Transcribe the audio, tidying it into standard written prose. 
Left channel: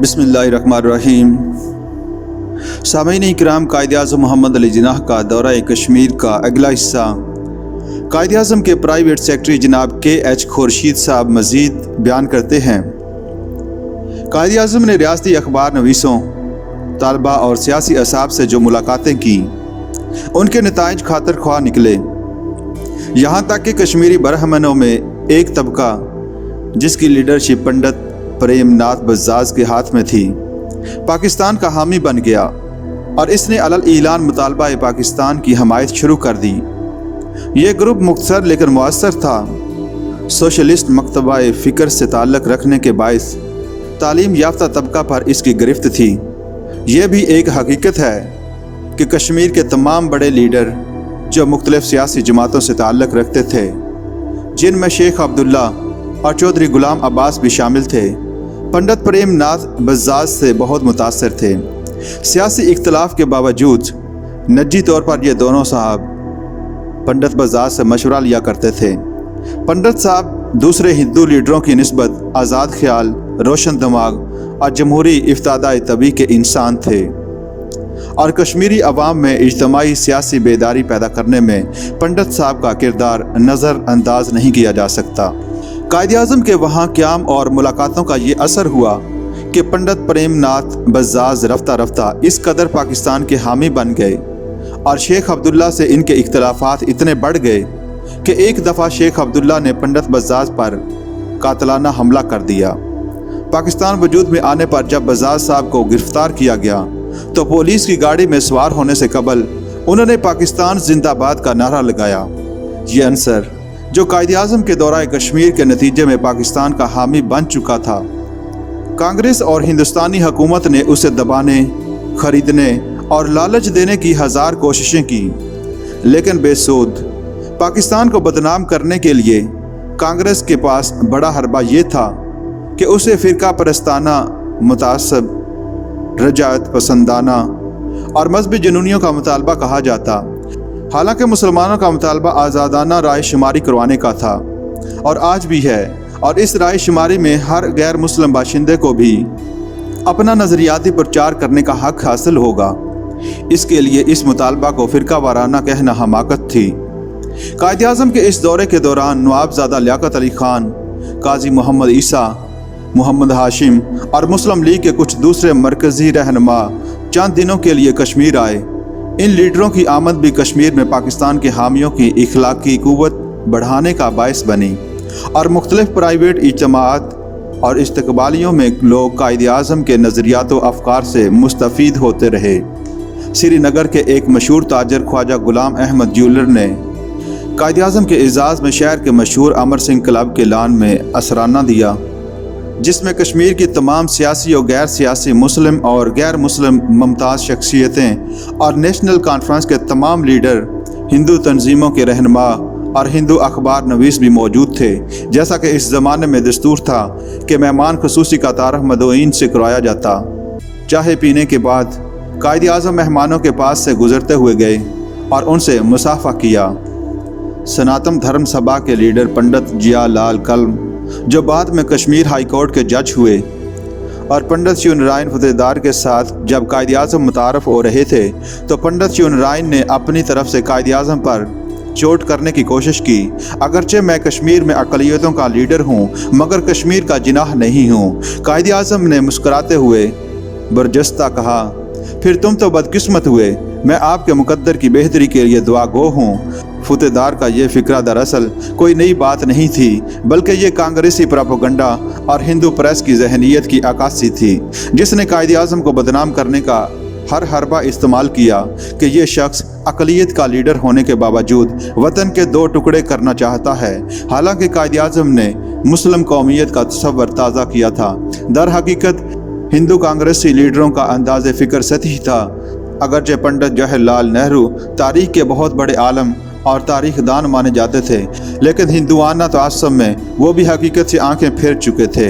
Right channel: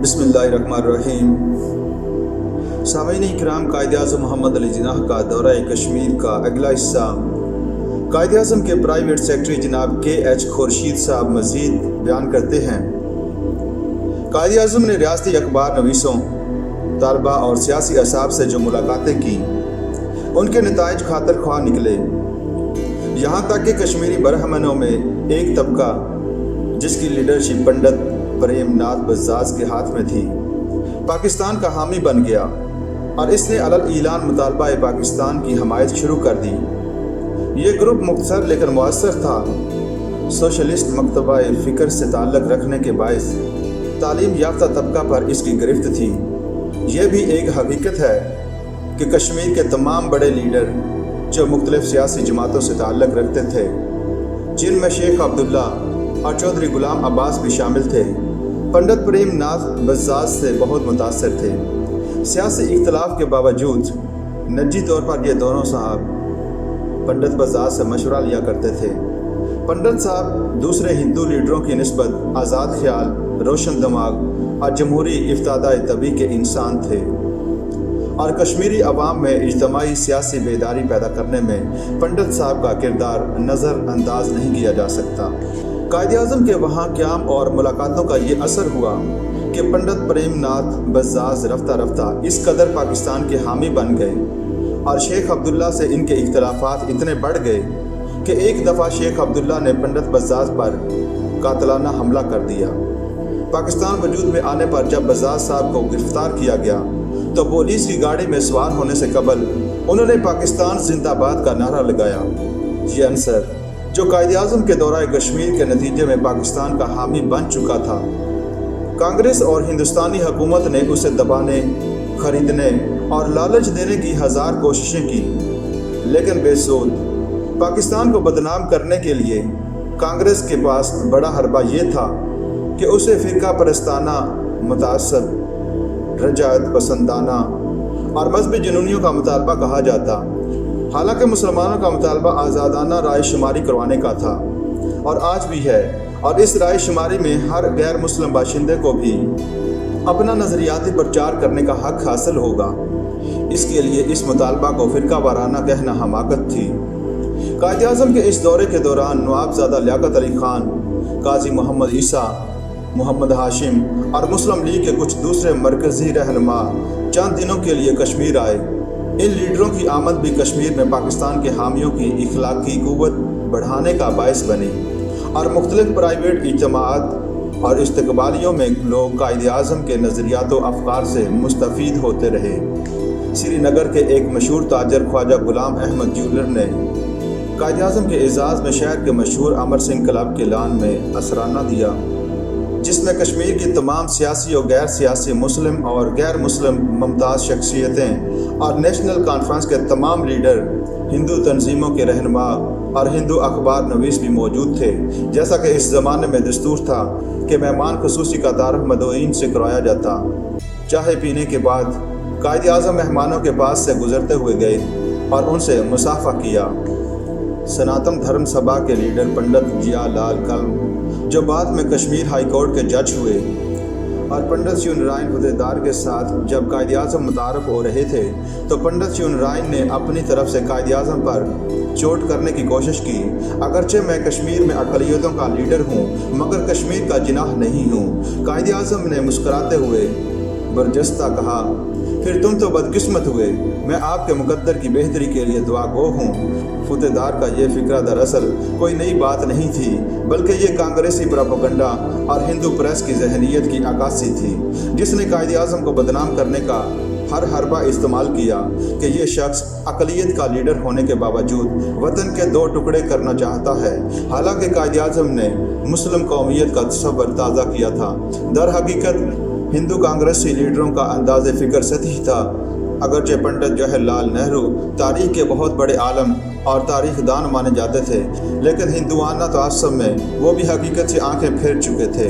बिस्मिल्लाहिर्रहमानिर्रहीम। सामीन इकराम, कायद-ए-आज़म मोहम्मद अली जिन्नाह का दौरा कश्मीर का अगला हिस्सा। कायद-ए-आज़म के प्राइवेट सेक्रेटरी जनाब के.एच. खुर्शीद साहब मज़ीद बयान करते हैं। कायद-ए-आज़म ने रियासती अखबार नवीसों, तलबा और सियासी अहसाब से जो मुलाकातें की, उनके नताइज खातर ख्वाह निकले। यहाँ तक कि कश्मीरी बरहमनों में एक तबका जिसकी लीडरशिप पंडित प्रेम नाथ बज़ाज़ के हाथ में थी, पाकिस्तान का हामी बन गया और इसने अलल ईलान मुतालबा पाकिस्तान की हमायत शुरू कर दी। ये ग्रुप मुख्तसर लेकिन मुअस्सर था। सोशलिस्ट मकतबा फ़िक्र से ताल्लुक़ रखने के बायस तालीम याफ्ता तबका पर इसकी गिरफ्त थी। यह भी एक हकीकत है कि कश्मीर के तमाम बड़े लीडर जो मुख्तलिफ सियासी जमातों से ताल्लुक़ रखते थे, जिनमें शेख अब्दुल्ला और चौधरी गुलाम अब्बास भी शामिल थे, पंडित प्रेम नाथ बज़ाज़ से बहुत मुतासर थे। सियासी इख्तलाफ के बावजूद निजी तौर पर ये दोनों साहब पंडित बज़ाज़ से मशवरा लिया करते थे। पंडित साहब दूसरे हिंदू लीडरों की निस्बत आज़ाद ख्याल, रोशन दिमाग और जमहूरी इफ्तादा तबी के इंसान थे और कश्मीरी अवाम में इज्तिमाई सियासी बेदारी पैदा करने में पंडित साहब का किरदार नज़रअंदाज नहीं किया जा सकता। कायद-ए-आज़म के वहाँ क़याम और मुलाकातों का ये असर हुआ कि पंडित प्रेम नाथ बज़ाज़ रफ्ता रफ्ता इस कदर पाकिस्तान के हामी बन गए और शेख अब्दुल्ला से इनके इख्तलाफात इतने बढ़ गए कि एक दफ़ा शेख अब्दुल्ला ने पंडित बज़ाज़ पर कातलाना हमला कर दिया। पाकिस्तान वजूद में आने पर जब बज़ाज़ साहब को गिरफ्तार किया गया तो पुलिस की गाड़ी में सवार होने से कबल उन्होंने पाकिस्तान जिंदाबाद का नारा लगाया। ये अंसर जो कायद-ए-आज़म के दौरान कश्मीर के नतीजे में पाकिस्तान का हामी बन चुका था, कांग्रेस और हिंदुस्तानी हुकूमत ने उसे दबाने, ख़रीदने और लालच देने की हज़ार कोशिशें की, लेकिन बेसूद। पाकिस्तान को बदनाम करने के लिए कांग्रेस के पास बड़ा हरबा ये था कि उसे फ़िरका परस्ताना, मुतासब, रजात पसंदाना और मजहबी जुनूनियों का मुतालबा कहा जाता। हालांकि मुसलमानों का मुतालबा आज़ादाना राय शुमारी करवाने का था और आज भी है, और इस राय शुमारी में हर गैर मुस्लिम बाशिंदे को भी अपना नज़रियाती प्रचार करने का हक़ हासिल होगा। इसके लिए इस मुतालबा को फ़िरका वाराना कहना हमाकत थी। कायद-ए-आज़म के इस दौरे के दौरान नवाबज़ादा लियाकत अली खान, काजी मोहम्मद ईसा, मोहम्मद हाशिम और मुस्लिम लीग के कुछ दूसरे मरकज़ी रहनुमा चंद दिनों के लिए कश्मीर आए। इन लीडरों की आमद भी कश्मीर में पाकिस्तान के हामियों की इखलाकी क़ुव्वत बढ़ाने का बायस बनी और मुख्तलिफ प्राइवेट इज्तिमाआत और इस्तकबालियों में लोग कायद-ए-आज़म के नज़रियात व अफ़कार से मुस्तफ़ीद होते रहे। श्रीनगर के एक मशहूर ताजर ख्वाजा गुलाम अहमद ज्यूलर ने कायद-ए-आज़म के एजाज़ में शहर के मशहूर अमर सिंह क्लब के लान में असराना दिया, जिसमें कश्मीर की तमाम सियासी और गैर सियासी मुस्लिम और गैर मुस्लिम मुमताज़ शख्सियतें और नेशनल कॉन्फ्रेंस के तमाम लीडर, हिंदू तंजीमों के रहनुमा और हिंदू अखबार नवीस भी मौजूद थे। जैसा कि इस ज़माने में दस्तूर था कि मेहमान ख़ुसूसी का तारफ़ मदऊइन से करवाया जाता। चाय पीने के बाद कायद-ए-आज़म मेहमानों के पास से गुज़रते हुए गए और उनसे मुसाफ़ा किया। सनातन धर्म सभा के लीडर पंडित जिया लाल कलम, जो बाद में कश्मीर हाई कोर्ट के जज हुए, और पंडित शिवनारायण फतेहदार के साथ जब कायद-ए-आज़म मुतारफ़ हो रहे थे तो पंडित शिवनारायण ने अपनी तरफ से कायद-ए-आज़म पर चोट करने की कोशिश की। अगरचे मैं कश्मीर में अक़लियतों का लीडर हूँ, मगर कश्मीर का जिनाह नहीं हूँ। कायद-ए-आज़म ने मुस्कुराते हुए बरजस्ता कहा, फिर तुम तो बदकिस्मत हुए, मैं आपके मुकद्दर की बेहतरी के लिए दुआ गो हूँ। फतेहदार का ये फ़िक्रा दरअसल कोई नई बात नहीं थी, बल्कि ये कांग्रेसी प्रोपेगेंडा और हिंदू प्रेस की जहनीत की अक्कासी थी, जिसने कायद-ए-आज़म को बदनाम करने का हर हरबा इस्तेमाल किया कि ये शख्स अक़लियत का लीडर होने के बावजूद वतन के दो टुकड़े करना चाहता है। हालांकि कायद-ए-आज़म ने मुस्लिम कौमियत का तसव्वुर ताज़ा किया था। दर हकीकत हिंदू कांग्रेसी लीडरों का अंदाज़ फ़िक्र सतही था। अगरचे पंडित जवाहरलाल नेहरू तारीख़ के बहुत बड़े आलम और तारीख़ दान माने जाते थे, लेकिन हिंदुआना तअस्सुब में वो भी हकीकत से आंखें फेर चुके थे।